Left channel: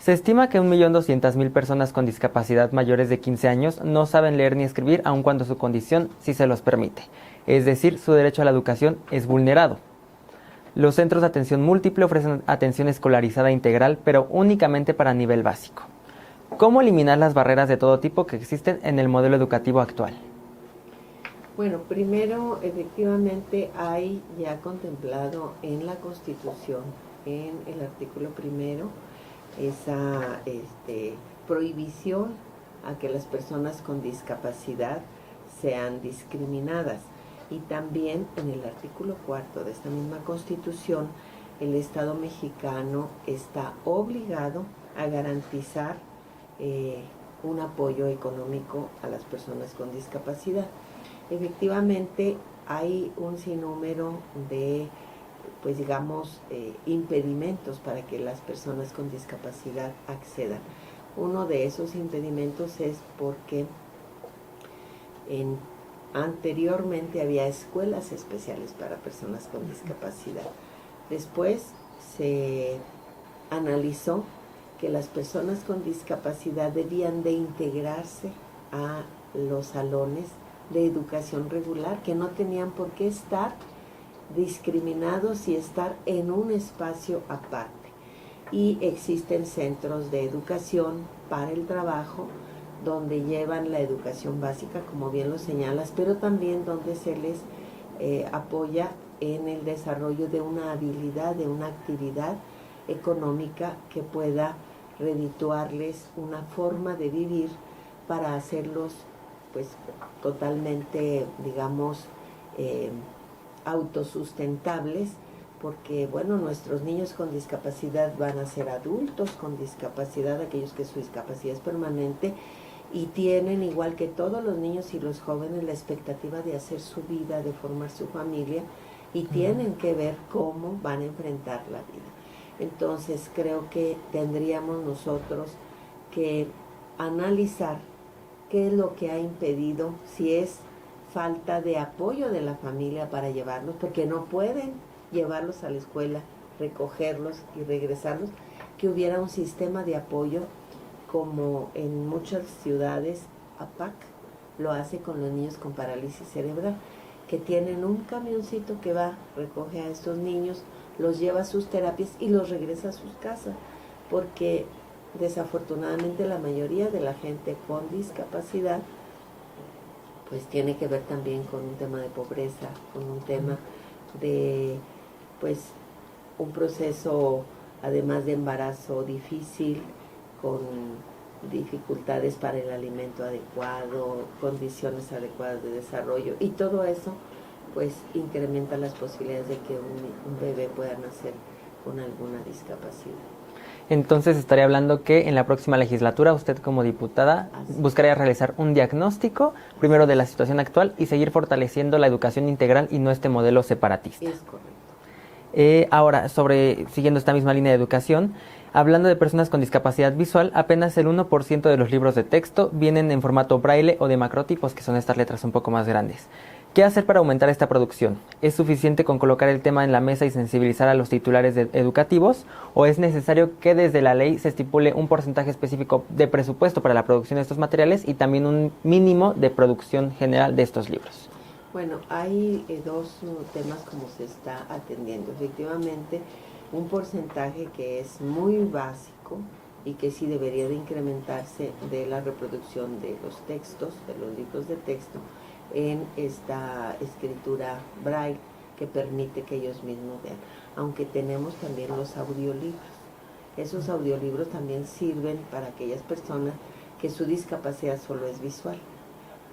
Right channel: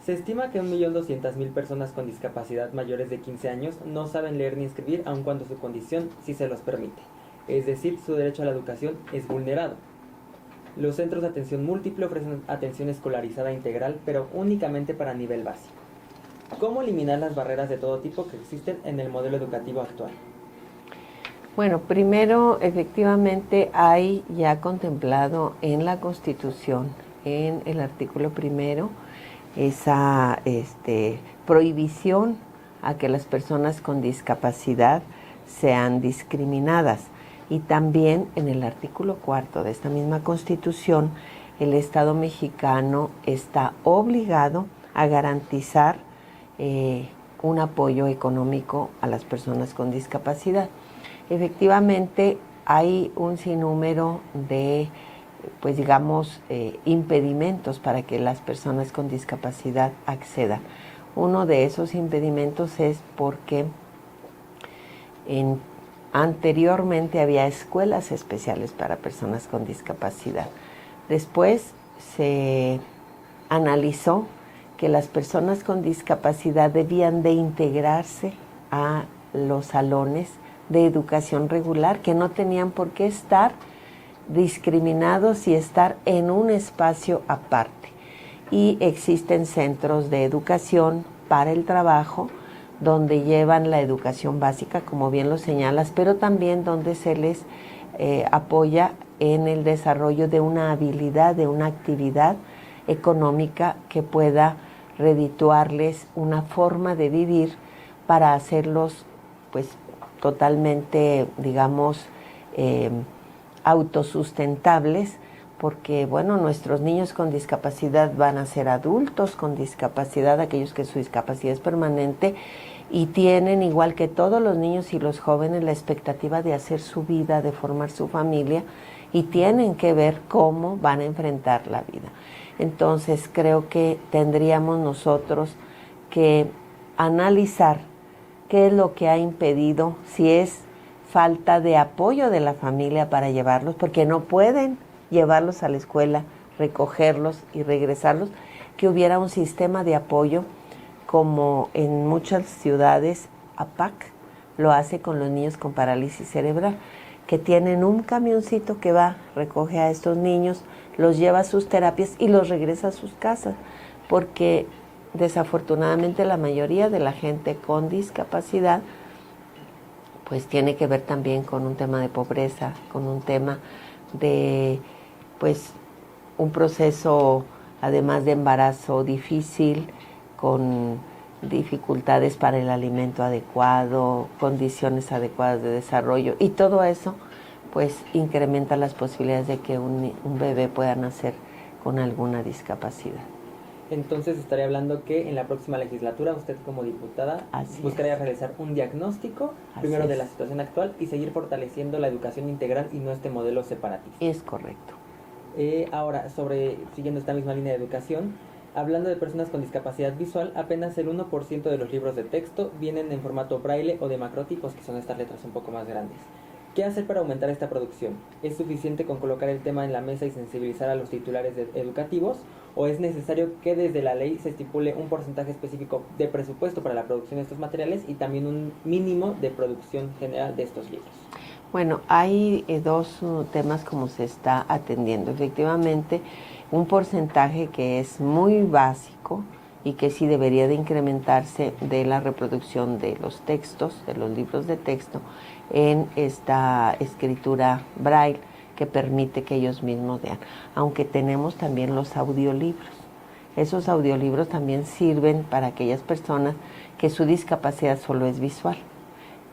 Se estima que 1.200.000 personas con discapacidad mayores de 15 años no saben leer ni escribir aun cuando su condición sí se los permite. Es decir, su derecho a la educación es vulnerado. Los centros de atención múltiple ofrecen atención escolarizada integral, pero únicamente para nivel básico. ¿Cómo eliminar las barreras de todo tipo que existen en el modelo educativo actual? Bueno, primero, efectivamente, hay ya contemplado en la Constitución, en el artículo primero, esa prohibición a que las personas con discapacidad sean discriminadas. Y también en el artículo cuarto de esta misma Constitución, el Estado mexicano está obligado a garantizar un apoyo económico a las personas con discapacidad. Efectivamente, hay un sinnúmero de, pues digamos, impedimentos para que las personas con discapacidad accedan. Uno de esos impedimentos es porque anteriormente había escuelas especiales para personas con discapacidad. Después se analizó que las personas con discapacidad debían de integrarse a los salones de educación regular, que no tenían por qué estar discriminados y estar en un espacio aparte. Y existen centros de educación para el trabajo donde llevan la educación básica, como bien lo señalas, pero también donde se les apoya en el desarrollo de una habilidad, de una actividad económica que pueda redituarles una forma de vivir para hacerlos pues totalmente, digamos, autosustentables, porque bueno, nuestros niños con discapacidad van a ser adultos con discapacidad, aquellos que su discapacidad es permanente, y tienen, igual que todos los niños y los jóvenes, la expectativa de hacer su vida, de formar su familia, y tienen que ver cómo van a enfrentar la vida. Entonces creo que tendríamos nosotros que analizar qué es lo que ha impedido, si es falta de apoyo de la familia para llevarlos, porque no pueden llevarlos a la escuela, recogerlos y regresarlos, que hubiera un sistema de apoyo como en muchas ciudades. APAC lo hace con los niños con parálisis cerebral, que tienen un camioncito que va, recoge a estos niños, los lleva a sus terapias y los regresa a sus casas, porque desafortunadamente la mayoría de la gente con discapacidad pues tiene que ver también con un tema de pobreza, con un tema de pues un proceso además de embarazo difícil, con dificultades para el alimento adecuado, condiciones adecuadas de desarrollo, y todo eso pues incrementa las posibilidades de que un bebé pueda nacer con alguna discapacidad. Entonces estaría hablando que en la próxima legislatura usted como diputada buscaría realizar un diagnóstico primero de la situación actual y seguir fortaleciendo la educación integral y no este modelo separatista. Es correcto. Ahora, siguiendo esta misma línea de educación, hablando de personas con discapacidad visual, apenas el 1% de los libros de texto vienen en formato braille o de macrotipos, que son estas letras un poco más grandes. ¿Qué hacer para aumentar esta producción? ¿Es suficiente con colocar el tema en la mesa y sensibilizar a los titulares educativos? ¿O es necesario que desde la ley se estipule un porcentaje específico de presupuesto para la producción de estos materiales y también un mínimo de producción general de estos libros? Bueno, hay dos temas como se está atendiendo. Efectivamente, un porcentaje que es muy básico y que sí debería de incrementarse de la reproducción de los textos, de los libros de texto, en esta escritura braille que permite que ellos mismos vean. Aunque tenemos también los audiolibros. Esos audiolibros también sirven para aquellas personas que su discapacidad solo es visual.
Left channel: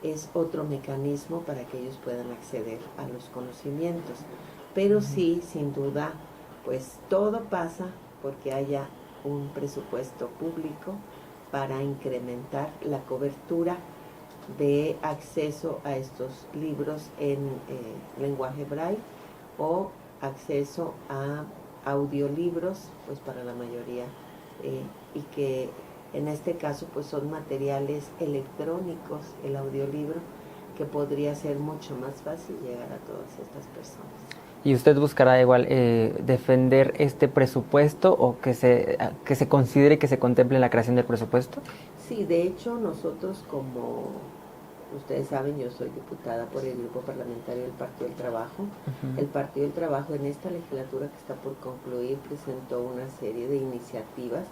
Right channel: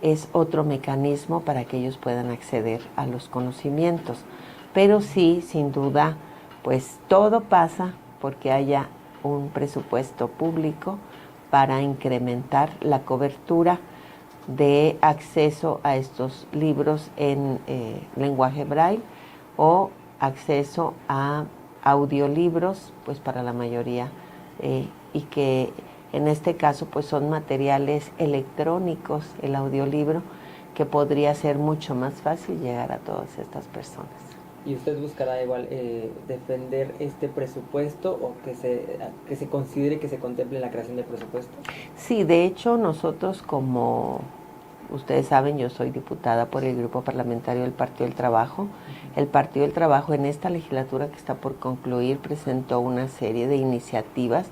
Es otro mecanismo para que ellos puedan acceder a los conocimientos. Pero sí, sin duda, pues todo pasa porque haya un presupuesto público para incrementar la cobertura de acceso a estos libros en lenguaje braille o acceso a audiolibros, pues para la mayoría, y que en este caso pues son materiales electrónicos, el audiolibro, que podría ser mucho más fácil llegar a todas estas personas. ¿Y usted buscará igual defender este presupuesto o que se considere que se contemple la creación del presupuesto? Sí, de hecho nosotros, como ustedes saben, yo soy diputada por el grupo parlamentario del Partido del Trabajo. El Partido del Trabajo en esta legislatura que está por concluir presentó una serie de iniciativas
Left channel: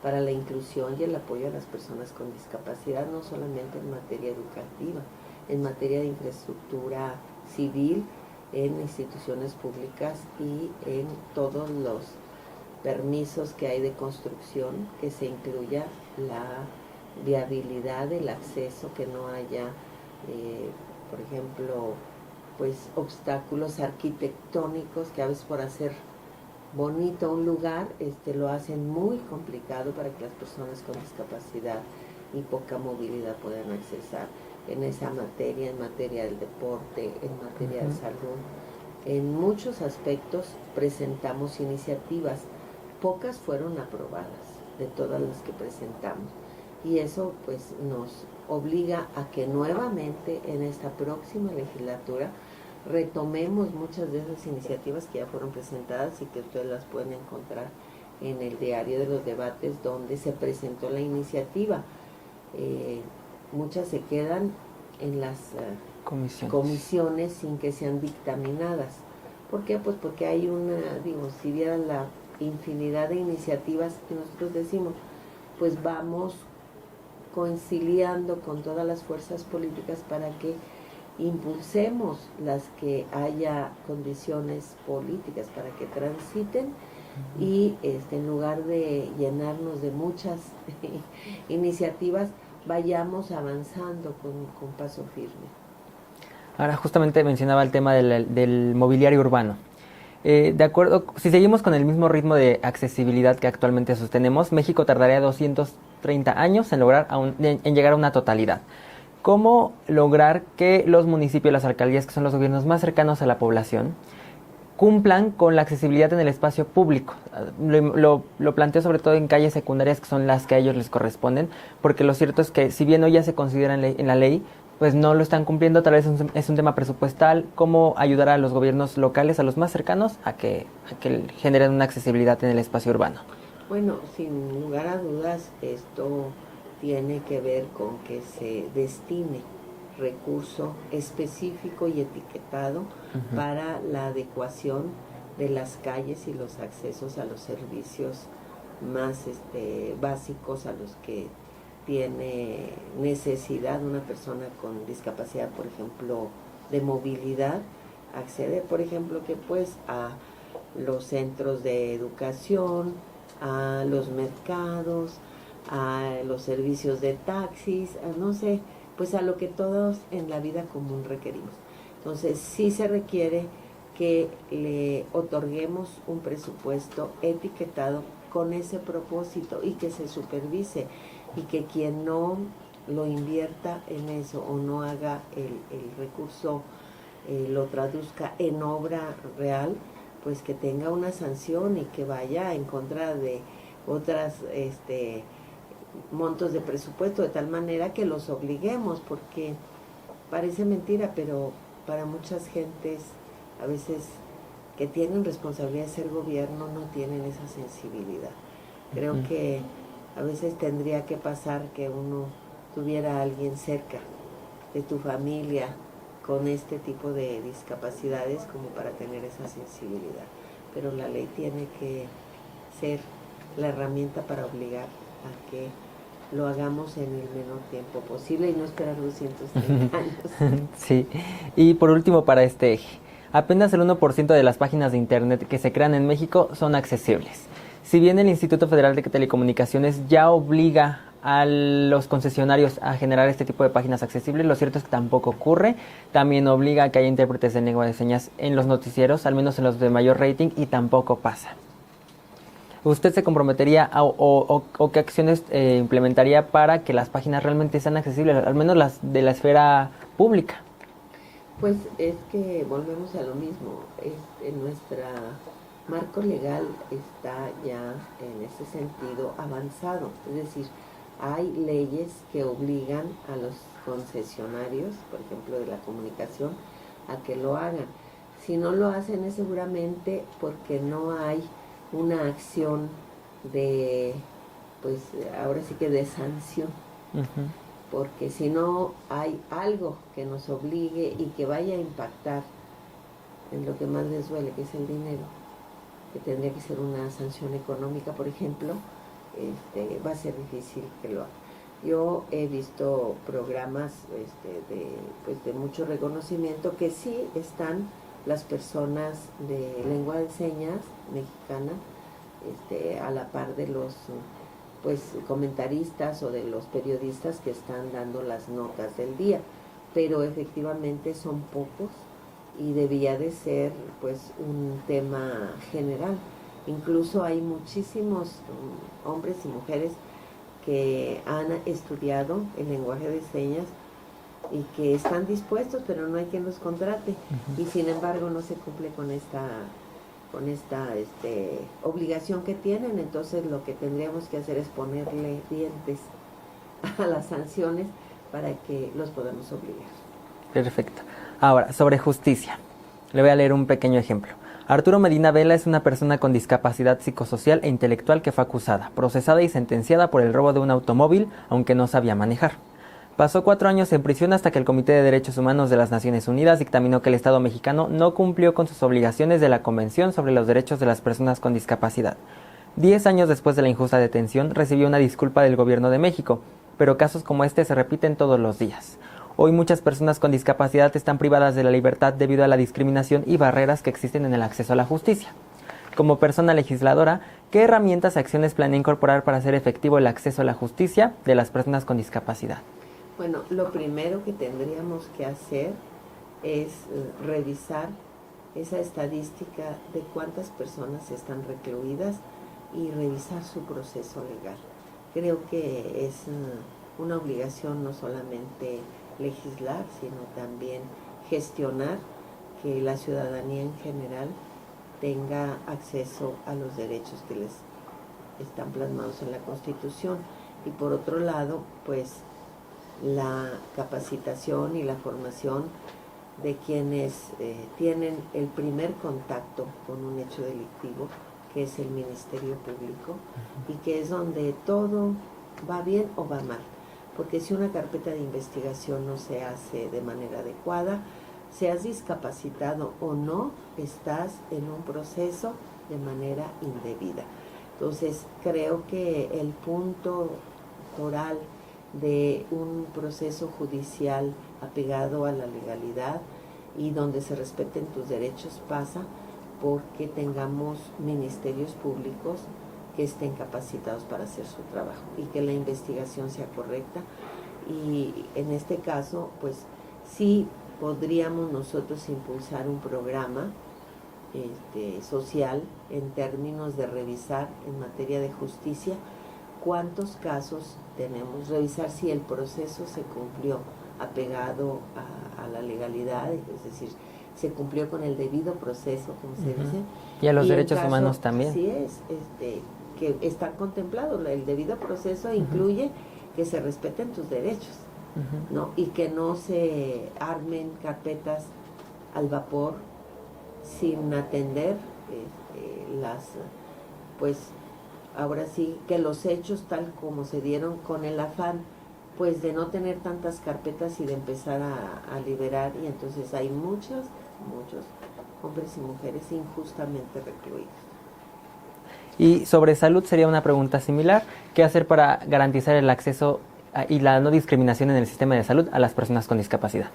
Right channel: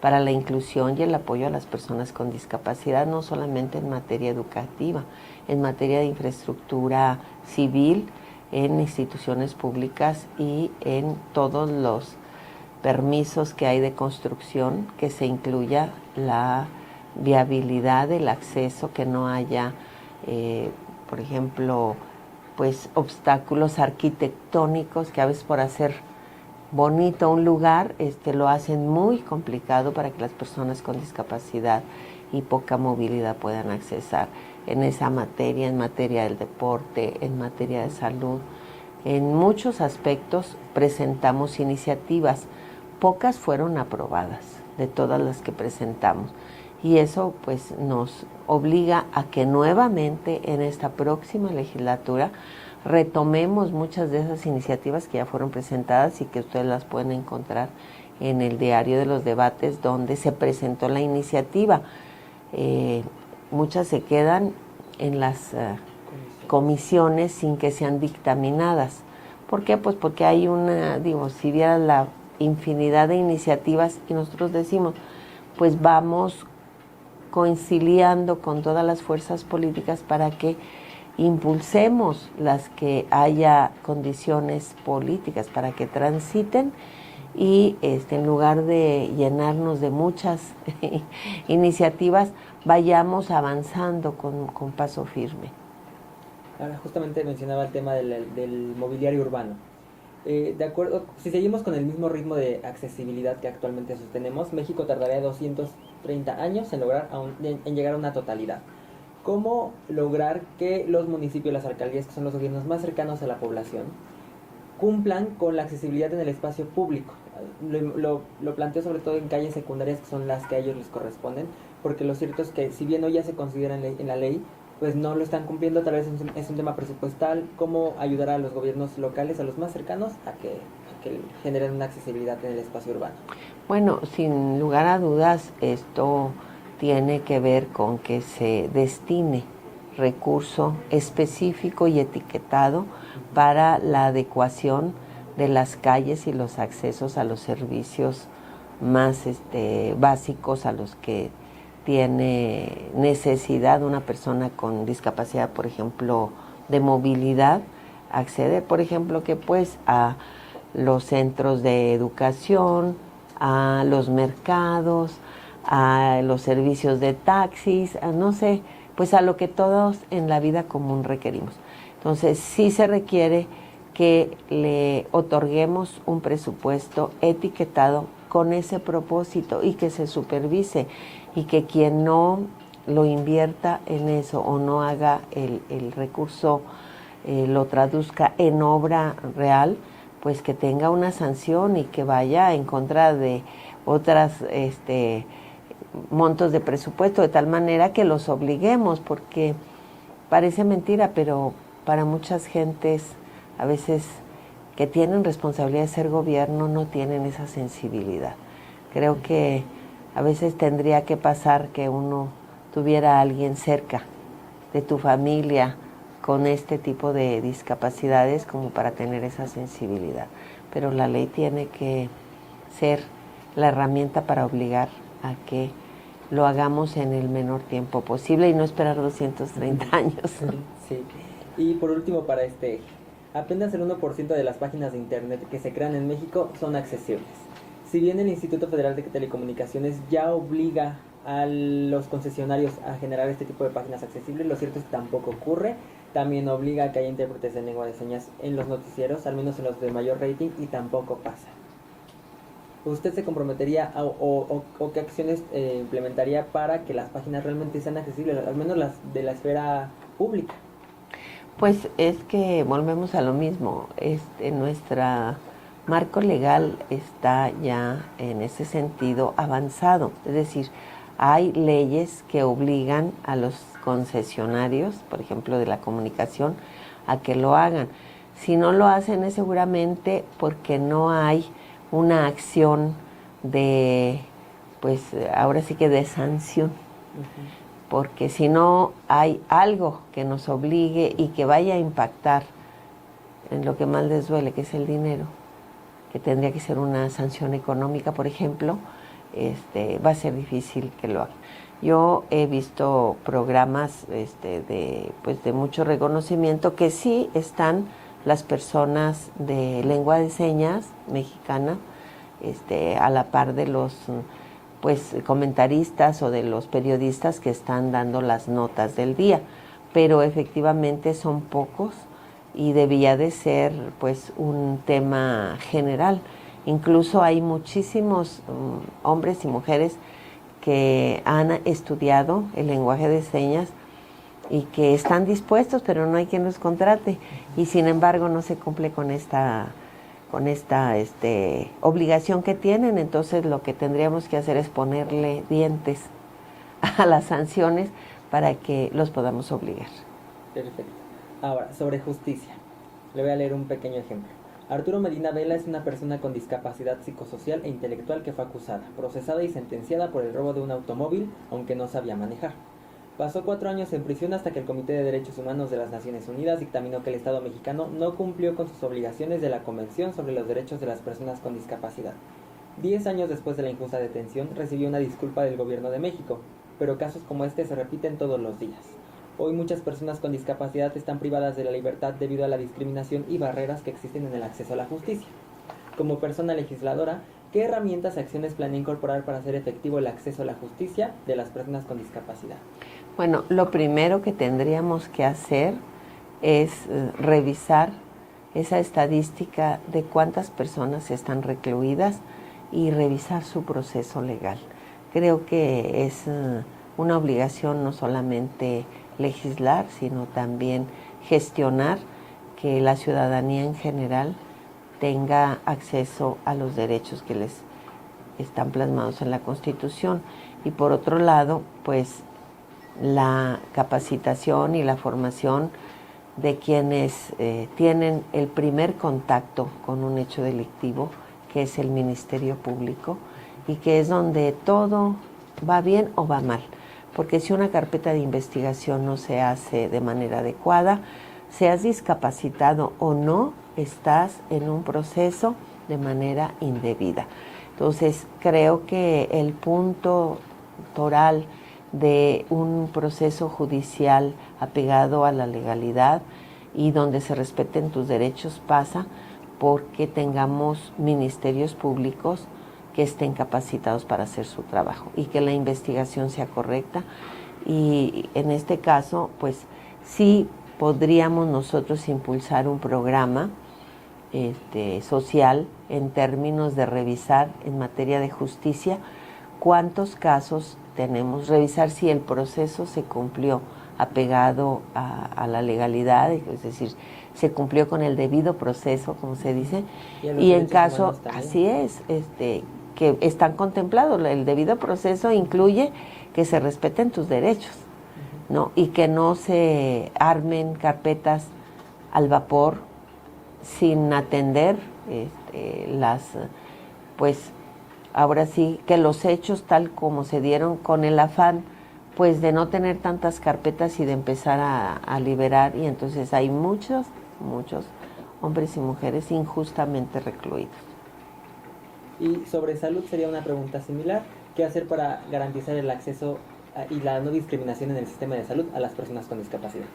para la inclusión y el apoyo a las personas con discapacidad, no solamente en materia educativa, en materia de infraestructura civil, en instituciones públicas y en todos los permisos que hay de construcción, que se incluya la viabilidad del acceso, que no haya, por ejemplo, pues obstáculos arquitectónicos que a veces por hacer bonito un lugar lo hacen muy complicado para que las personas con discapacidad y poca movilidad puedan accesar en esa materia, en materia del deporte, en materia de salud. En muchos aspectos presentamos iniciativas, pocas fueron aprobadas de todas las que presentamos, y eso pues nos obliga a que nuevamente en esta próxima legislatura retomemos muchas de esas iniciativas que ya fueron presentadas y que ustedes las pueden encontrar en el diario de los debates donde se presentó la iniciativa. Muchas se quedan en las comisiones sin que sean dictaminadas. ¿Por qué? Pues porque hay si vieran la infinidad de iniciativas y nosotros decimos, pues vamos conciliando con todas las fuerzas políticas para que impulsemos las que haya condiciones políticas para que transiten y en lugar de llenarnos de muchas iniciativas, vayamos avanzando con paso firme. Ahora justamente mencionaba el tema del mobiliario urbano. De acuerdo, si seguimos con el mismo ritmo de accesibilidad que actualmente sostenemos, México tardaría 230 años en llegar a una totalidad. ¿Cómo lograr que los municipios y las alcaldías, que son los gobiernos más cercanos a la población, cumplan con la accesibilidad en el espacio público? Lo planteo sobre todo en calles secundarias, que son las que a ellos les corresponden, porque lo cierto es que si bien hoy ya se considera en la ley, pues no lo están cumpliendo. Tal vez es un tema presupuestal. ¿Cómo ayudar a los gobiernos locales, a los más cercanos, a que generen una accesibilidad en el espacio urbano? Bueno, sin lugar a dudas, esto tiene que ver con que se destine recurso específico y etiquetado para la adecuación de las calles y los accesos a los servicios más básicos a los que tiene necesidad una persona con discapacidad, por ejemplo, de movilidad, acceder, por ejemplo, que pues a los centros de educación, a los mercados, a los servicios de taxis, no sé, pues a lo que todos en la vida común requerimos. Entonces, sí se requiere que le otorguemos un presupuesto etiquetado con ese propósito y que se supervise, y que quien no lo invierta en eso o no haga el recurso, lo traduzca en obra real, pues que tenga una sanción y que vaya en contra de otras montos de presupuesto, de tal manera que los obliguemos, porque parece mentira, pero para muchas gentes a veces que tienen responsabilidad de ser gobierno no tienen esa sensibilidad. Creo que a veces tendría que pasar que uno tuviera a alguien cerca de tu familia con este tipo de discapacidades como para tener esa sensibilidad. Pero la ley tiene que ser la herramienta para obligar a que lo hagamos en el menor tiempo posible y no esperar 230 años. Sí. Y por último, para este eje, apenas el 1% de las páginas de Internet que se crean en México son accesibles. Si bien el Instituto Federal de Telecomunicaciones ya obliga a los concesionarios a generar este tipo de páginas accesibles, lo cierto es que tampoco ocurre. También obliga a que haya intérpretes de lengua de señas en los noticieros, al menos en los de mayor rating, y tampoco pasa. ¿Usted se comprometería o qué acciones implementaría para que las páginas realmente sean accesibles, al menos las de la esfera pública? Pues es que volvemos a lo mismo. Nuestro marco legal está ya en ese sentido avanzado. Es decir, hay leyes que obligan a los concesionarios, por ejemplo, de la comunicación, a que lo hagan. Si no lo hacen es seguramente porque no hay una acción de, pues ahora sí que de sanción. Ujú. Porque si no hay algo que nos obligue y que vaya a impactar en lo que más les duele, que es el dinero, que tendría que ser una sanción económica, por ejemplo, va a ser difícil que lo hagan. Yo he visto programas de mucho reconocimiento que sí están las personas de lengua de señas mexicana a la par de los pues comentaristas o de los periodistas que están dando las notas del día, pero efectivamente son pocos y debía de ser pues un tema general. Incluso hay muchísimos hombres y mujeres que han estudiado el lenguaje de señas y que están dispuestos, pero no hay quien los contrate. Y sin embargo no se cumple con esta obligación que tienen. Entonces lo que tendríamos que hacer es ponerle dientes a las sanciones para que los podamos obligar. Perfecto. Ahora, sobre justicia. Le voy a leer un pequeño ejemplo. Arturo Medina Vela es una persona con discapacidad psicosocial e intelectual que fue acusada, procesada y sentenciada por el robo de un automóvil, aunque no sabía manejar. Pasó 4 años en prisión hasta que el Comité de Derechos Humanos de las Naciones Unidas dictaminó que el Estado mexicano no cumplió con sus obligaciones de la Convención sobre los Derechos de las Personas con Discapacidad. 10 años después de la injusta detención, recibió una disculpa del Gobierno de México, pero casos como este se repiten todos los días. Hoy muchas personas con discapacidad están privadas de la libertad debido a la discriminación y barreras que existen en el acceso a la justicia. Como persona legisladora, ¿qué herramientas y acciones planea incorporar para hacer efectivo el acceso a la justicia de las personas con discapacidad? Bueno, lo primero que tendríamos que hacer es revisar esa estadística de cuántas personas están recluidas y revisar su proceso legal. Creo que es una obligación no solamente legislar, sino también gestionar que la ciudadanía en general tenga acceso a los derechos que les están plasmados en la Constitución. Y por otro lado, pues la capacitación y la formación de quienes tienen el primer contacto con un hecho delictivo, que es el Ministerio Público, y que es donde todo va bien o va mal. Porque si una carpeta de investigación no se hace de manera adecuada, seas discapacitado o no, estás en un proceso de manera indebida. Entonces, creo que el punto toral de un proceso judicial apegado a la legalidad y donde se respeten tus derechos pasa porque tengamos ministerios públicos que estén capacitados para hacer su trabajo y que la investigación sea correcta. Y en este caso, pues sí podríamos nosotros impulsar un programa social en términos de revisar en materia de justicia cuántos casos tenemos, revisar si el proceso se cumplió apegado a la legalidad, es decir, se cumplió con el debido proceso, como se dice. Y a los derechos humanos también. Así es, que están contemplados. El debido proceso incluye que se respeten tus derechos, ¿no? Y que no se armen carpetas al vapor sin atender pues ahora sí que los hechos tal como se dieron, con el afán pues de no tener tantas carpetas y de empezar a liberar, y entonces hay muchos hombres y mujeres injustamente recluidos. Y sobre salud sería una pregunta similar. ¿Qué hacer para garantizar el acceso y la no discriminación en el sistema de salud a las personas con discapacidad?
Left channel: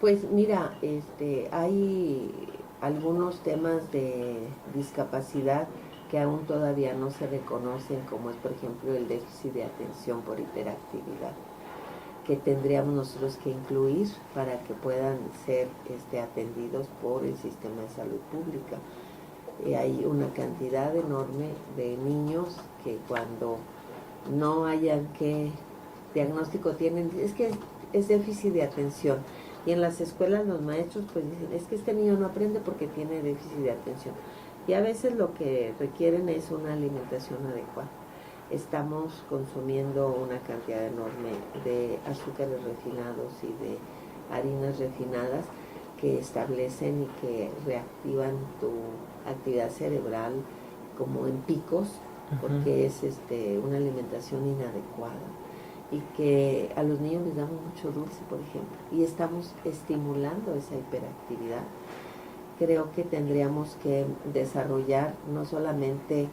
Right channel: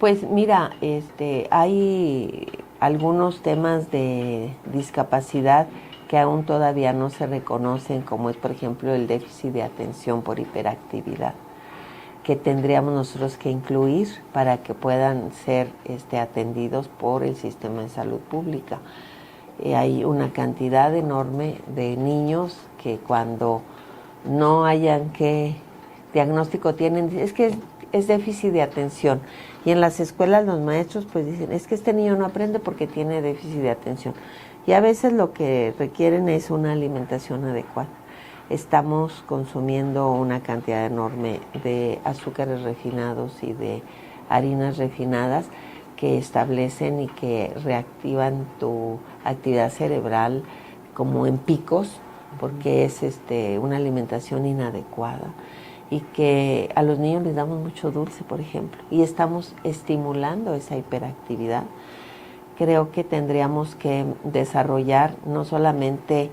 Pues mira, hay algunos temas de discapacidad que aún todavía no se reconocen, como es por ejemplo el déficit de atención por hiperactividad, que tendríamos nosotros que incluir para que puedan ser atendidos por el sistema de salud pública. Hay una cantidad enorme de niños que cuando no hayan qué diagnóstico tienen, es que es déficit de atención. Y en las escuelas los maestros pues dicen, es que este niño no aprende porque tiene déficit de atención. Y a veces lo que requieren es una alimentación adecuada. Estamos consumiendo una cantidad enorme de azúcares refinados y de harinas refinadas que establecen y que reactivan tu actividad cerebral como en picos, porque es una alimentación inadecuada, y que a los niños les damos mucho dulce, por ejemplo, y estamos estimulando esa hiperactividad. Creo que tendríamos que desarrollar no solamente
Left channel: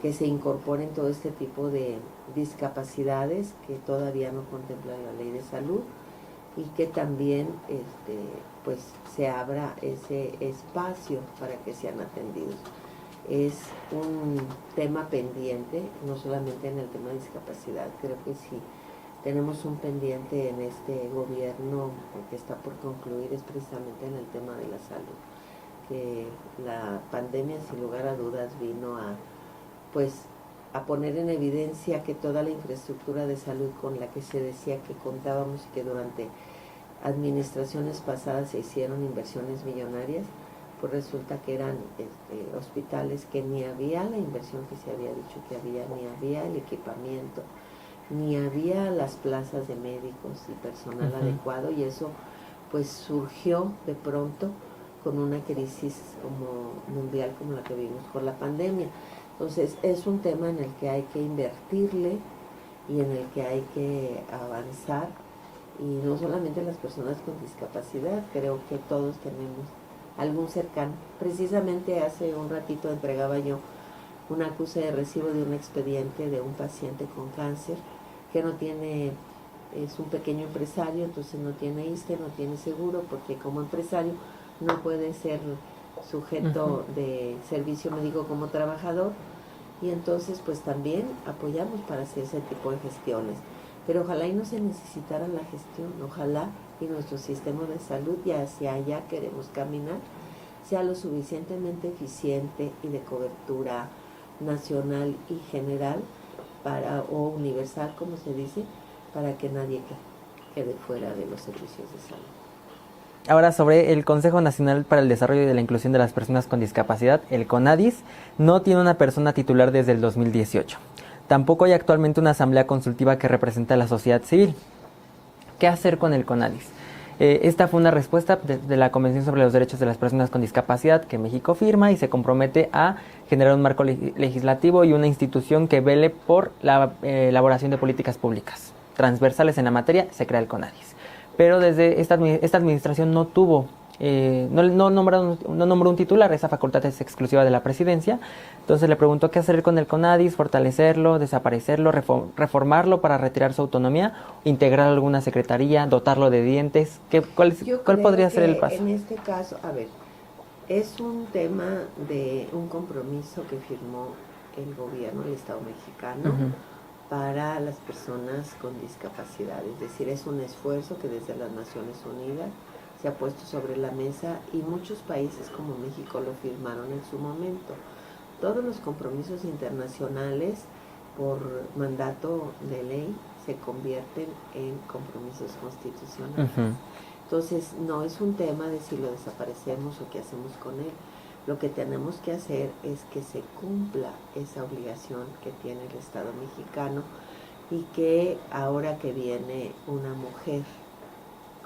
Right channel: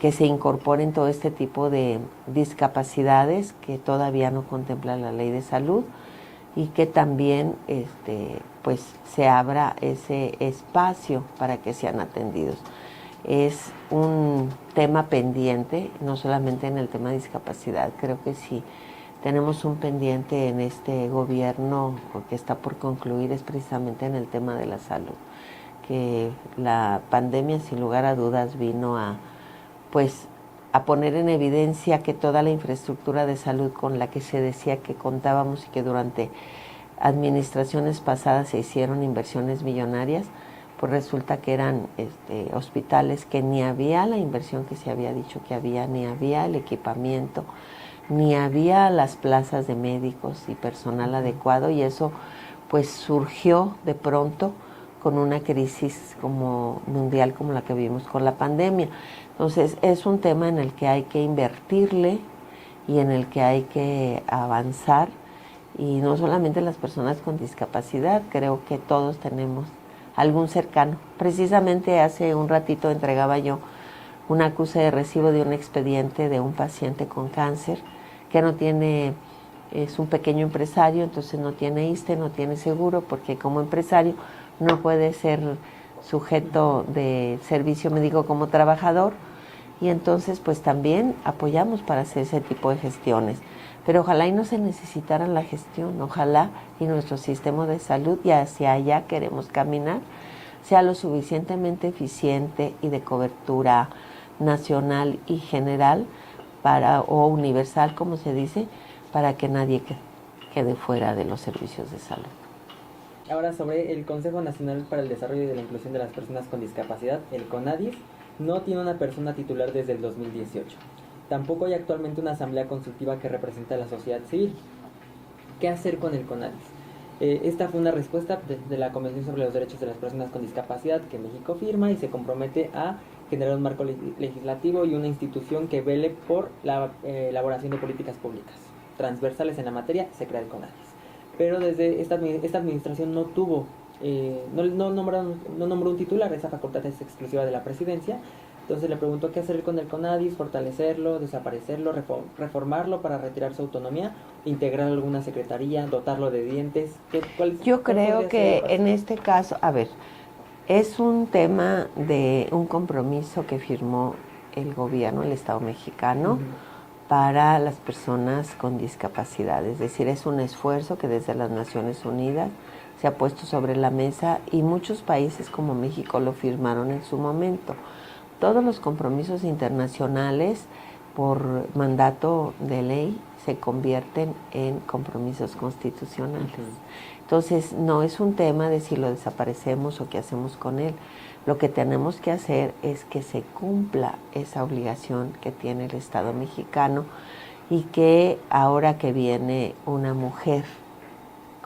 que se incorporen todo este tipo de discapacidades que todavía no contempla la ley de salud, y que también pues se abra ese espacio para que sean atendidos. Es un tema pendiente, no solamente en el tema de discapacidad. Creo que sí tenemos un pendiente en este gobierno, porque está por concluir, es precisamente en el tema de la salud, que la pandemia sin lugar a dudas vino a poner en evidencia que toda la infraestructura de salud con la que se decía que contábamos y que durante administraciones pasadas se hicieron inversiones millonarias, pues resulta que eran hospitales que ni había la inversión que se había dicho que había, ni había el equipamiento, ni había las plazas de médicos y personal adecuado, y eso pues surgió de pronto con una crisis como mundial como la que vivimos con la pandemia. Entonces es un tema en el que hay que invertirle y en el que hay que avanzar, y no solamente las personas con discapacidad, creo que todos tenemos algún cercano. Precisamente hace un ratito entregaba yo un acuse de recibo de un expediente de un paciente con cáncer que no tiene, es un pequeño empresario, entonces no tiene ISSSTE, no tiene seguro, porque como empresario no puede ser sujeto de servicio médico como trabajador, y entonces pues también apoyamos para hacer ese tipo de gestiones. Pero ojalá y no se necesitara la gestión, ojalá y nuestro sistema de salud, y hacia allá queremos caminar, sea lo suficientemente eficiente y de cobertura nacional y general o universal, como se dice, para que nadie quede fuera de los servicios de salud. Ahora, sobre el Consejo Nacional para el Desarrollo y la Inclusión de las Personas con Discapacidad, el CONADIS, no tiene una persona titular desde el 2018. Tampoco hay actualmente una asamblea consultiva que represente a la sociedad civil. ¿Qué hacer con el CONADIS? Esta fue una respuesta de la Convención sobre los Derechos de las Personas con Discapacidad que México firma y se compromete a generar un marco legislativo y una institución que vele por la elaboración de políticas públicas transversales en la materia. Se crea el CONADIS. Pero desde esta administración no tuvo, no nombró un titular. Esa facultad es exclusiva de la presidencia. Entonces le preguntó qué hacer con el CONADIS: fortalecerlo, desaparecerlo, reformarlo para retirar su autonomía, integrar alguna secretaría, dotarlo de dientes. ¿Cuál podría ser el paso? En este caso, a ver, es un tema de un compromiso que firmó el gobierno, el Estado mexicano, para las personas con discapacidad. Es decir, es un esfuerzo que desde las Naciones Unidas se ha puesto sobre la mesa, y muchos países como México lo firmaron en su momento. Todos los compromisos internacionales por mandato de ley se convierten en compromisos constitucionales. Entonces, no es un tema de si lo desaparecemos o qué hacemos con él. Lo que tenemos que hacer es que se cumpla esa obligación que tiene el Estado mexicano, y que ahora que viene una mujer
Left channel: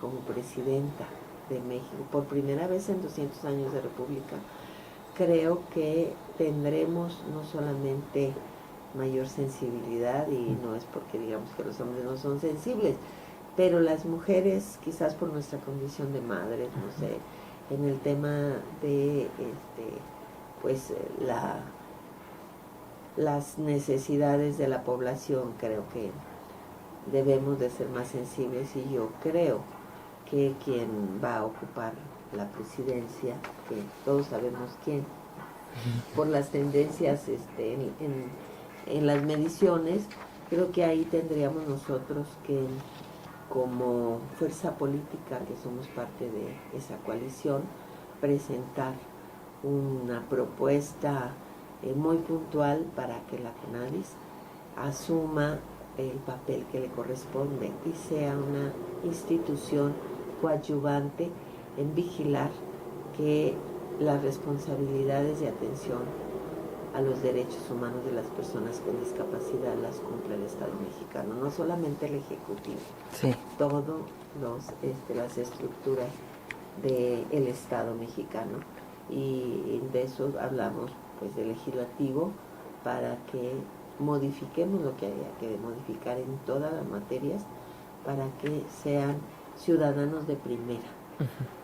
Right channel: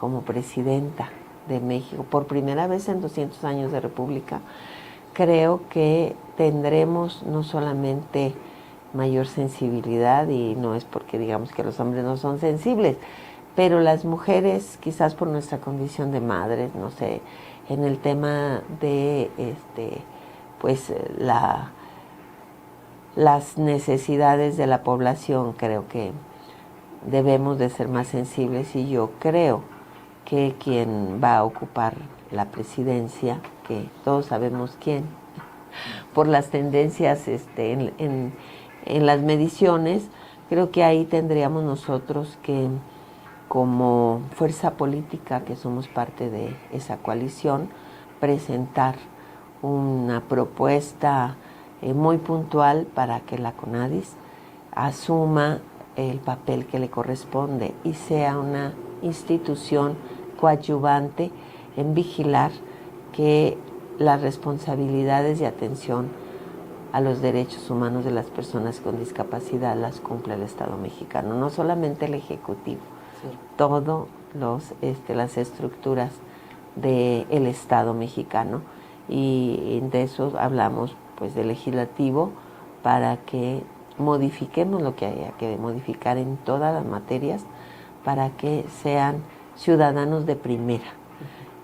como presidenta de México, por primera vez en 200 años de república, creo que tendremos no solamente mayor sensibilidad, y no es porque digamos que los hombres no son sensibles, pero las mujeres, quizás por nuestra condición de madres, no sé, en el tema de las necesidades de la población, creo que debemos de ser más sensibles, y yo creo que quien va a ocupar la presidencia, que todos sabemos quién, por las tendencias en las mediciones, creo que ahí tendríamos nosotros que, como fuerza política que somos parte de esa coalición, presentar una propuesta muy puntual para que la CONADIS asuma el papel que le corresponde y sea una institución coadyuvante en vigilar que las responsabilidades de atención a los derechos humanos de las personas con discapacidad las cumple el Estado mexicano, no solamente el Ejecutivo, todos las estructuras del Estado mexicano, y de eso hablamos pues del legislativo para que modifiquemos lo que haya que modificar en todas las materias para que sean ciudadanos de primera.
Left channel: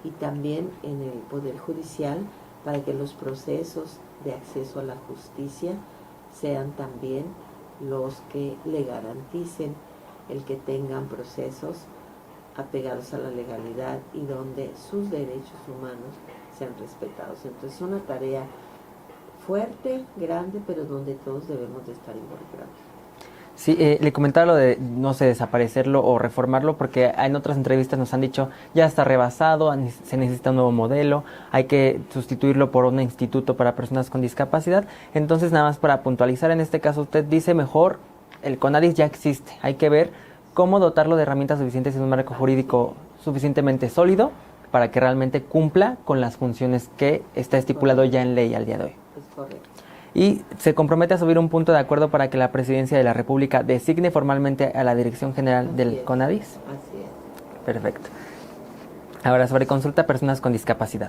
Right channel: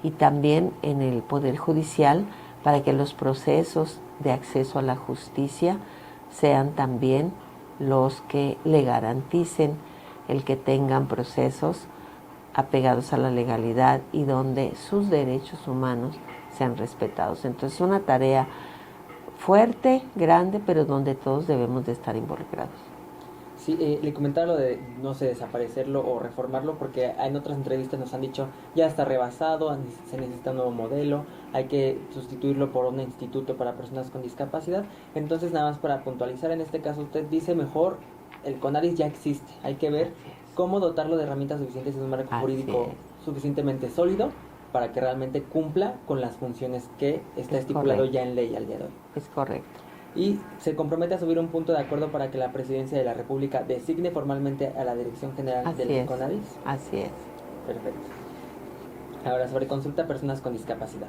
Y también en el Poder Judicial para que los procesos de acceso a la justicia sean también los que le garanticen el que tengan procesos apegados a la legalidad y donde sus derechos humanos sean respetados. Entonces, una tarea fuerte, grande, pero donde todos debemos de estar involucrados. Sí, le comentaba lo de, no sé, desaparecerlo o reformarlo, porque en otras entrevistas nos han dicho, ya está rebasado, se necesita un nuevo modelo, hay que sustituirlo por un instituto para personas con discapacidad. Entonces, nada más para puntualizar, en este caso usted dice mejor, el CONADIS ya existe, hay que ver cómo dotarlo de herramientas suficientes en un marco jurídico suficientemente sólido para que realmente cumpla con las funciones que está estipulado ya en ley al día de hoy. Es correcto. Y se compromete a subir un punto de acuerdo para que la Presidencia de la República designe formalmente a la Dirección General del CONADIS. Así es. Perfecto. Ahora, sobre consulta a personas con discapacidad.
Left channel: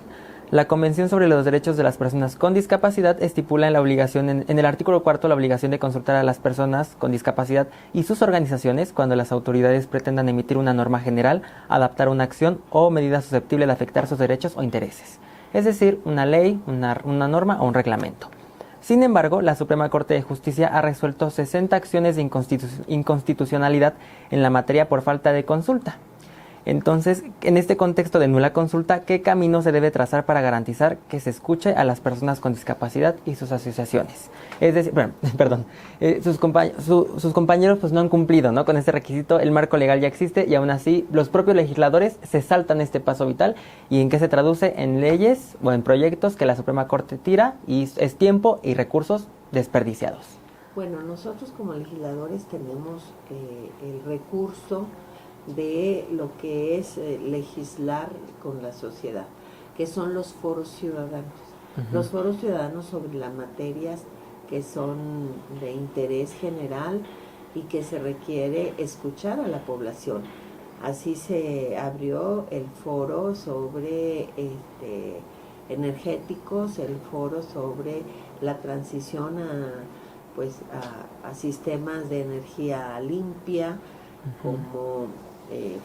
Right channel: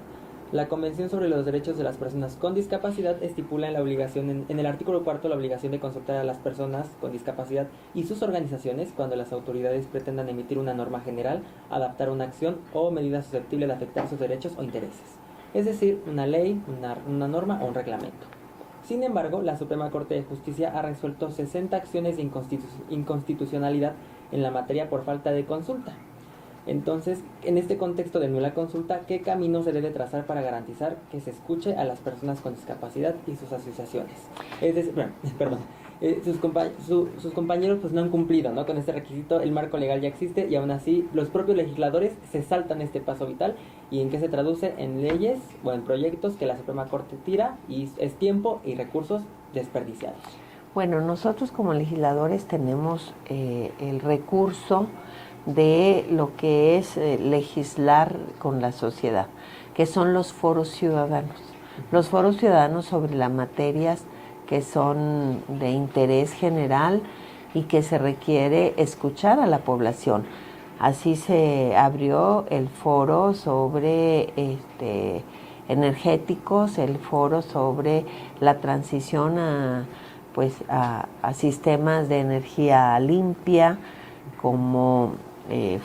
La Convención sobre los Derechos de las Personas con Discapacidad estipula en la obligación, en el artículo 4, la obligación de consultar a las personas con discapacidad y sus organizaciones cuando las autoridades pretendan emitir una norma general, adaptar una acción o medida susceptible de afectar sus derechos o intereses. Es decir, una ley, una norma o un reglamento. Sin embargo, la Suprema Corte de Justicia ha resuelto 60 acciones de inconstitucionalidad en la materia por falta de consulta. Entonces, en este contexto de nula consulta, ¿qué camino se debe trazar para garantizar que se escuche a las personas con discapacidad y sus asociaciones? Es decir, sus compañeros pues no han cumplido, ¿no?, con este requisito, el marco legal ya existe y aún así los propios legisladores se saltan este paso vital. ¿Y en qué se traduce? En leyes o en proyectos que la Suprema Corte tira y es tiempo y recursos desperdiciados. Bueno, nosotros como legisladores tenemos el recurso de lo que es legislar con la sociedad, que son los foros ciudadanos. Los foros ciudadanos sobre las materias que son de interés general y que se requiere escuchar a la población. Así se abrió el foro sobre energéticos, el foro sobre la transición a sistemas de energía limpia, como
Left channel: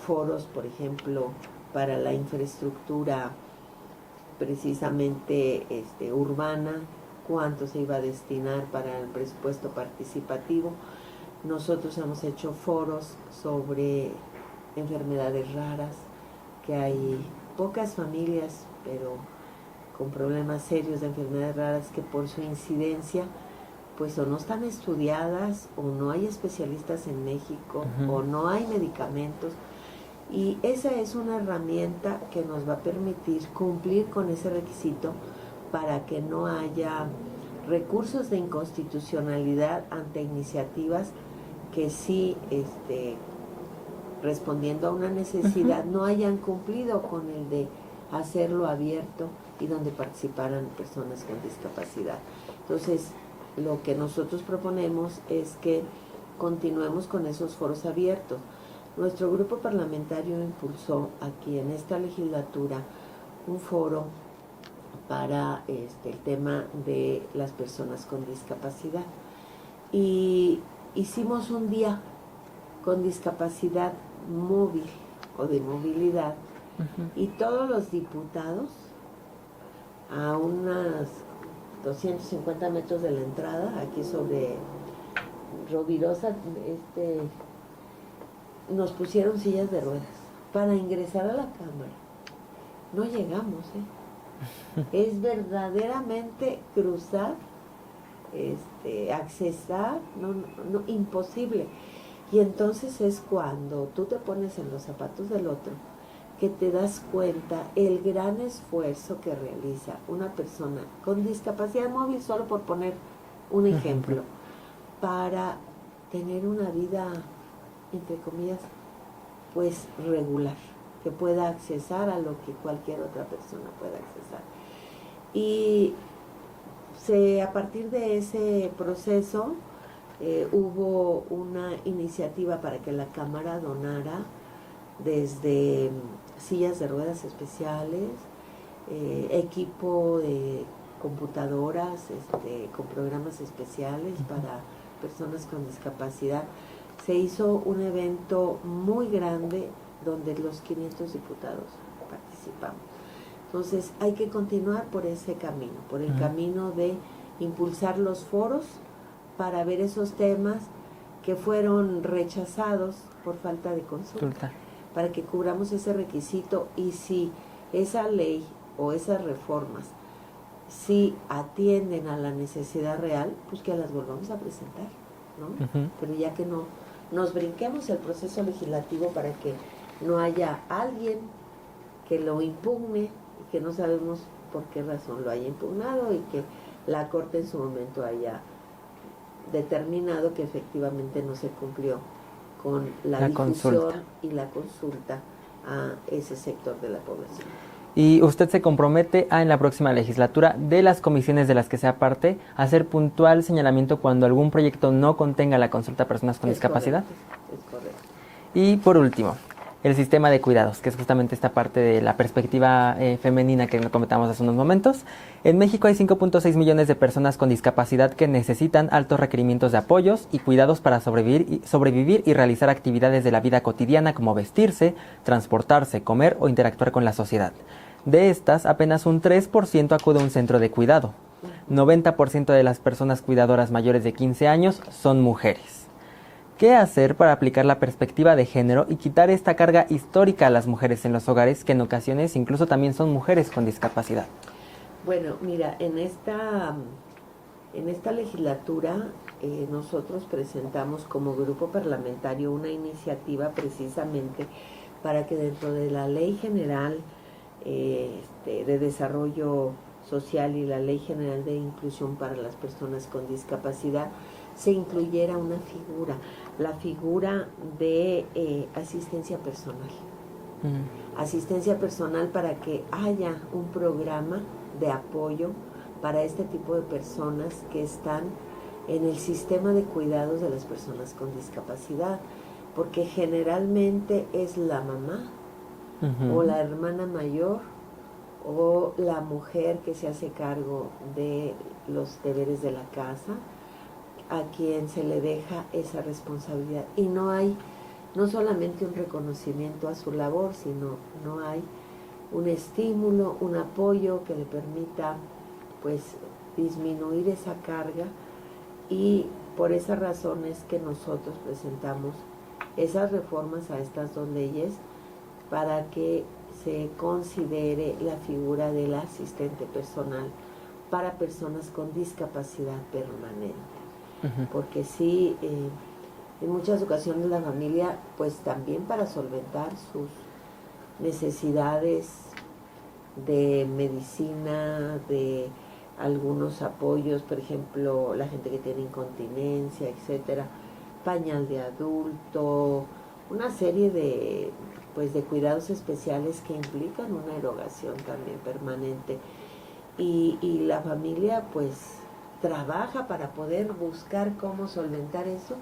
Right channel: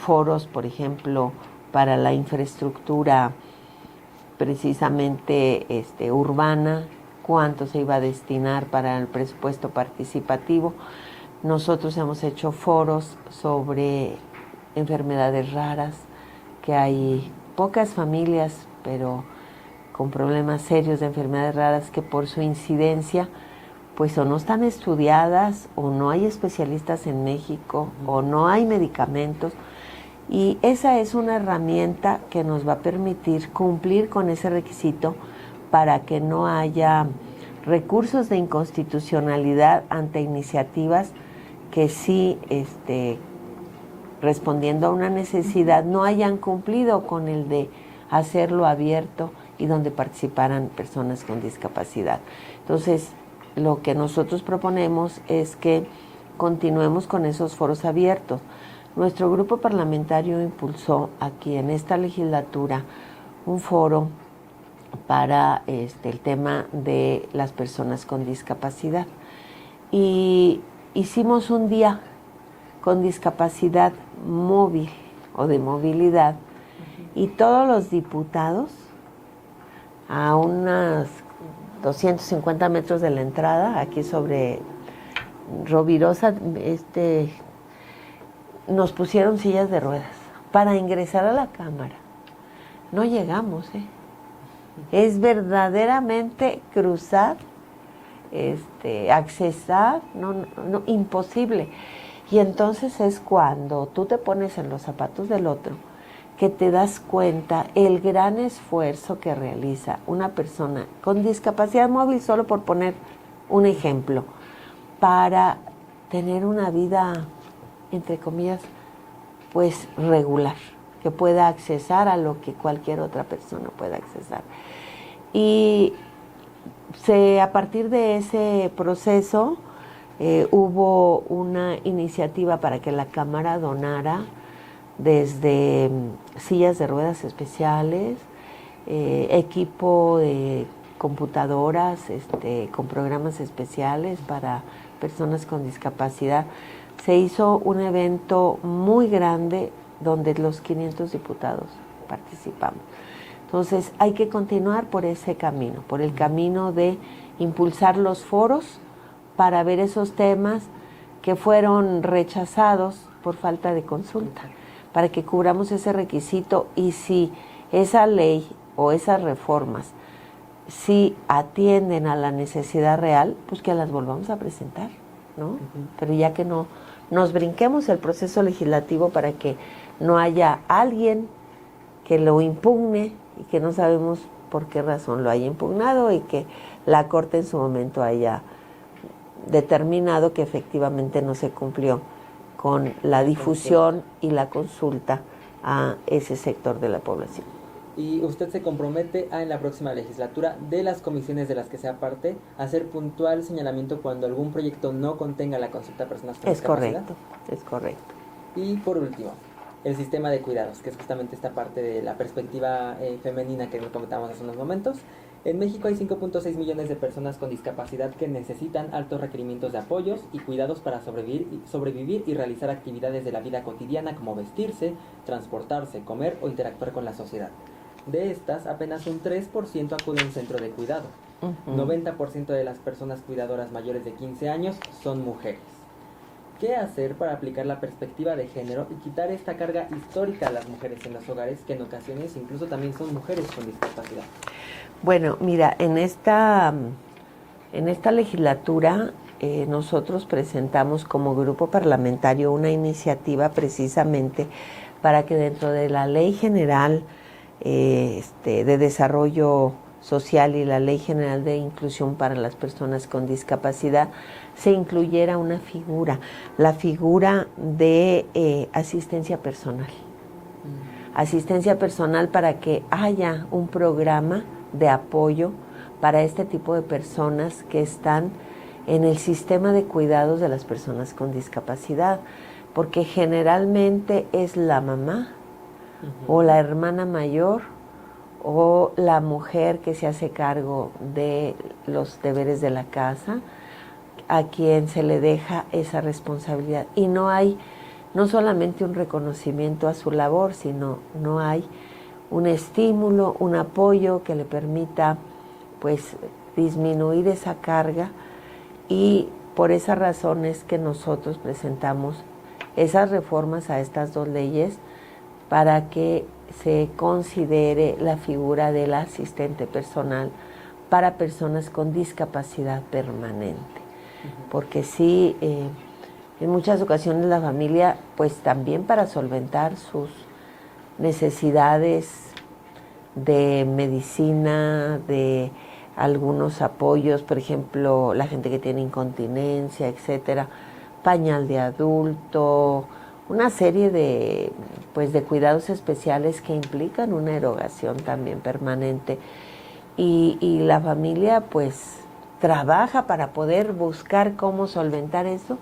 foros, por ejemplo, para la infraestructura precisamente urbana, cuánto se iba a destinar para el presupuesto participativo. Nosotros hemos hecho foros sobre enfermedades raras, que hay pocas familias, pero con problemas serios de enfermedades raras que por su incidencia pues o no están estudiadas, o no hay especialistas en México, o no hay medicamentos. Y esa es una herramienta que nos va a permitir cumplir con ese requisito para que no haya recursos de inconstitucionalidad ante iniciativas que sí, respondiendo a una necesidad, no hayan cumplido con el de hacerlo abierto y donde participaran personas con discapacidad. Entonces, lo que nosotros proponemos es que continuemos con esos foros abiertos. Nuestro grupo parlamentario impulsó aquí en esta legislatura un foro para el tema de las personas con discapacidad. Y hicimos un día con discapacidad móvil o de movilidad, y todos los diputados a unas 250 metros de la entrada, aquí sobre Rovirosa, nos pusieron sillas de ruedas para ingresar a la Cámara. No llegamos, Es verdaderamente cruzar, accesar, no, imposible. Y entonces es cuando tú te pones en los zapatos del otro que te das cuenta el gran esfuerzo que realiza una persona con discapacidad móvil, solo por poner un ejemplo, para tener una vida, entre comillas, pues regular, que pueda accesar a lo que cualquier otra persona pueda accesar. Y a partir de ese proceso hubo una iniciativa para que la Cámara donara desde sillas de ruedas especiales, equipo de computadoras con programas especiales para personas con discapacidad. Se hizo un evento muy grande donde los 500 diputados participamos. Entonces hay que continuar por ese camino, por el camino de impulsar los foros para ver esos temas que fueron rechazados por falta de consulta, para que cubramos ese requisito, y si esa ley o esas reformas si atienden a la necesidad real, pues que las volvamos a presentar, ¿no? Pero ya que no nos brinquemos el proceso legislativo para que no haya alguien que lo impugne y que no sabemos por qué razón lo haya impugnado, y que la Corte en su momento haya determinado que efectivamente no se cumplió con la difusión y la consulta a ese sector de la población. Y usted se compromete en la próxima legislatura, de las comisiones de las que sea parte, a hacer puntual señalamiento cuando algún proyecto no contenga la consulta a personas con discapacidad. Es correcto. Y por último, el sistema de cuidados, que es justamente esta parte de la perspectiva femenina que comentamos hace unos momentos. En México hay 5.6 millones de personas con discapacidad que necesitan altos requerimientos de apoyos y cuidados para sobrevivir y realizar actividades de la vida cotidiana, como vestirse, transportarse, comer o interactuar con la sociedad. De estas, apenas un 3% acude a un centro de cuidado. 90% de las personas cuidadoras mayores de 15 años son mujeres. ¿Qué hacer para aplicar la perspectiva de género y quitar esta carga histórica a las mujeres en los hogares, que en ocasiones incluso también son mujeres con discapacidad? Bueno, mira, en esta legislatura nosotros presentamos como grupo parlamentario una iniciativa precisamente para que dentro de la Ley General de Desarrollo Social y la Ley General de Inclusión para las Personas con Discapacidad se incluyera una figura, la figura de asistencia personal. Asistencia personal, para que haya un programa de apoyo para este tipo de personas que están en el sistema de cuidados de las personas con discapacidad, porque generalmente es la mamá o la hermana mayor o la mujer que se hace cargo de los deberes de la casa, a quien se le deja esa responsabilidad. Y no hay no solamente un reconocimiento a su labor, sino no hay un estímulo, un apoyo que le permita pues disminuir esa carga, y por esa razón es que nosotros presentamos esas reformas a estas dos leyes para que se considere la figura del asistente personal para personas con discapacidad permanente. Porque sí, en muchas ocasiones la familia, pues también para solventar sus necesidades de medicina, de algunos apoyos, por ejemplo, la gente que tiene incontinencia, etcétera, pañal de adulto, una serie de cuidados especiales que implican una erogación también permanente. Y la familia pues trabaja para poder buscar cómo solventar eso,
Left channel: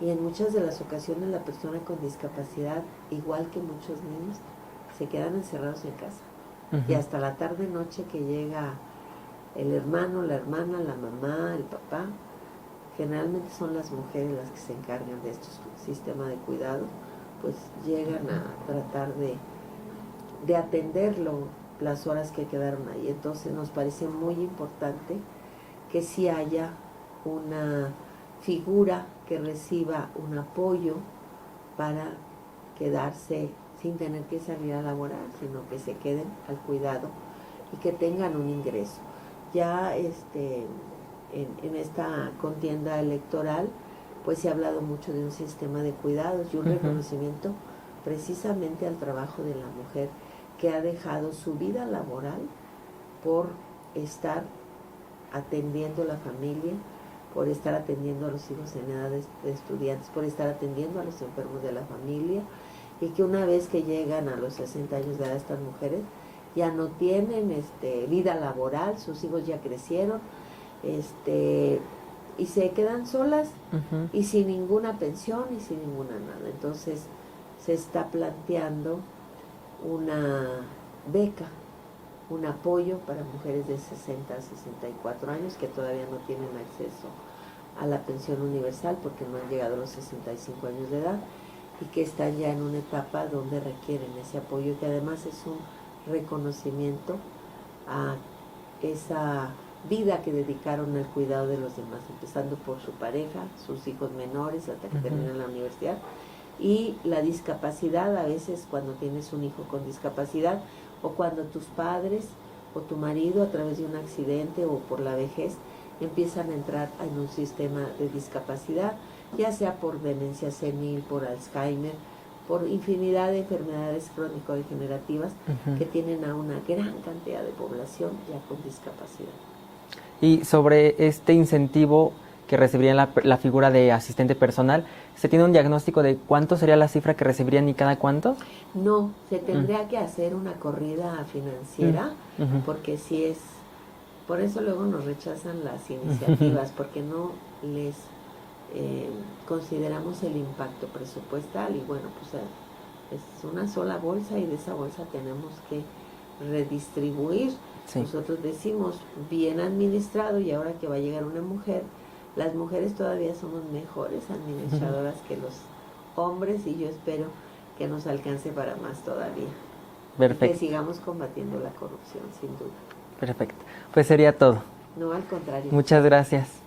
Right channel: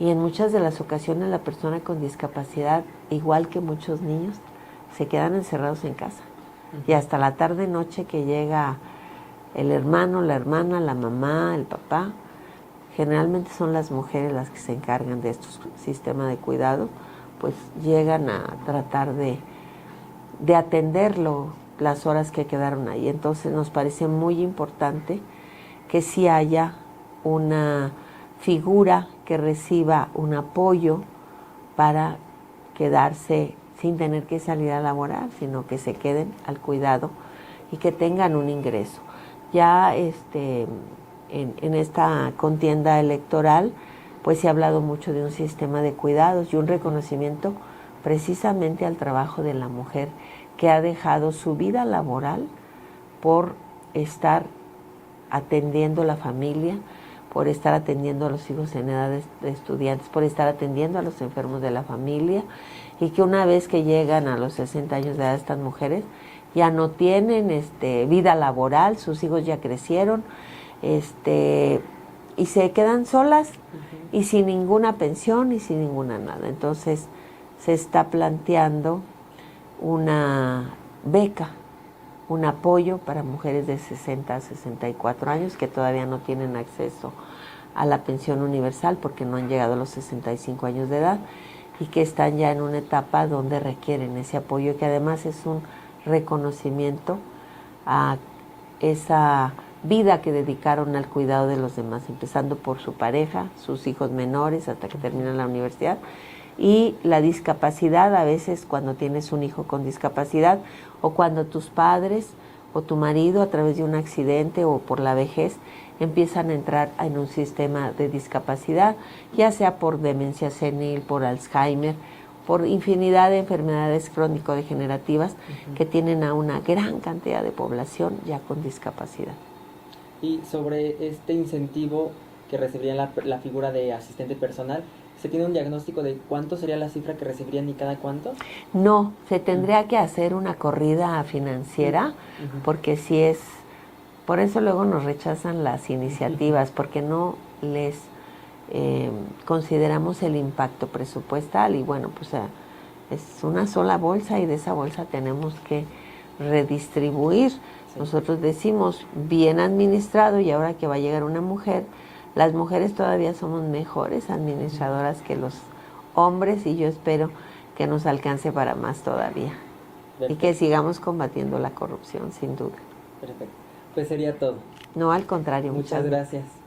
y en muchas de las ocasiones la persona con discapacidad, igual que muchos niños, se quedan encerrados en casa. Y hasta la tarde noche que llega el hermano, la hermana, la mamá, el papá, generalmente son las mujeres las que se encargan de estos sistemas de cuidado, pues llegan a tratar de atenderlo las horas que quedaron ahí. Entonces nos parece muy importante que sí haya una figura que reciba un apoyo para quedarse sin tener que salir a laborar, sino que se queden al cuidado y que tengan un ingreso. Ya en esta contienda electoral pues se ha hablado mucho de un sistema de cuidados y un reconocimiento precisamente al trabajo de la mujer, que ha dejado su vida laboral por estar atendiendo la familia, por estar atendiendo a los hijos en edad de estudiantes, por estar atendiendo a los enfermos de la familia, y que una vez que llegan a los 60 años de edad estas mujeres ya no tienen vida laboral, sus hijos ya crecieron, y se quedan solas y sin ninguna pensión y sin ninguna nada. Entonces se está planteando una beca, un apoyo para mujeres de 60 a 64 años que todavía no tienen acceso a la pensión universal porque no han llegado a los 65 años de edad y que están ya en una etapa donde requieren ese apoyo, que además es un reconocimiento a esa vida que dedicaron al cuidado de los demás, empezando por su pareja, sus hijos menores hasta que terminan la universidad, y la discapacidad a veces cuando tienes un hijo con discapacidad o cuando tus padres o tu marido a través de un accidente o por la vejez empiezan a entrar en un sistema de discapacidad, ya sea por demencia senil, por Alzheimer, por infinidad de enfermedades crónico-degenerativas que tienen a una gran cantidad de población ya con discapacidad. Y sobre este incentivo que recibirían la figura de asistente personal, ¿se tiene un diagnóstico de cuánto sería la cifra que recibirían y cada cuánto? No, se tendría que hacer una corrida financiera, porque si es, por eso luego nos rechazan las iniciativas, porque no les consideramos el impacto presupuestal y bueno, pues es una sola bolsa y de esa bolsa tenemos que redistribuir. Sí. Nosotros decimos bien administrado y ahora que va a llegar una mujer, las mujeres todavía somos mejores administradoras que los hombres y yo espero que nos alcance para más todavía. Perfecto. Y que sigamos combatiendo la corrupción, sin duda. Perfecto. Pues sería todo. No, al contrario. Muchas gracias.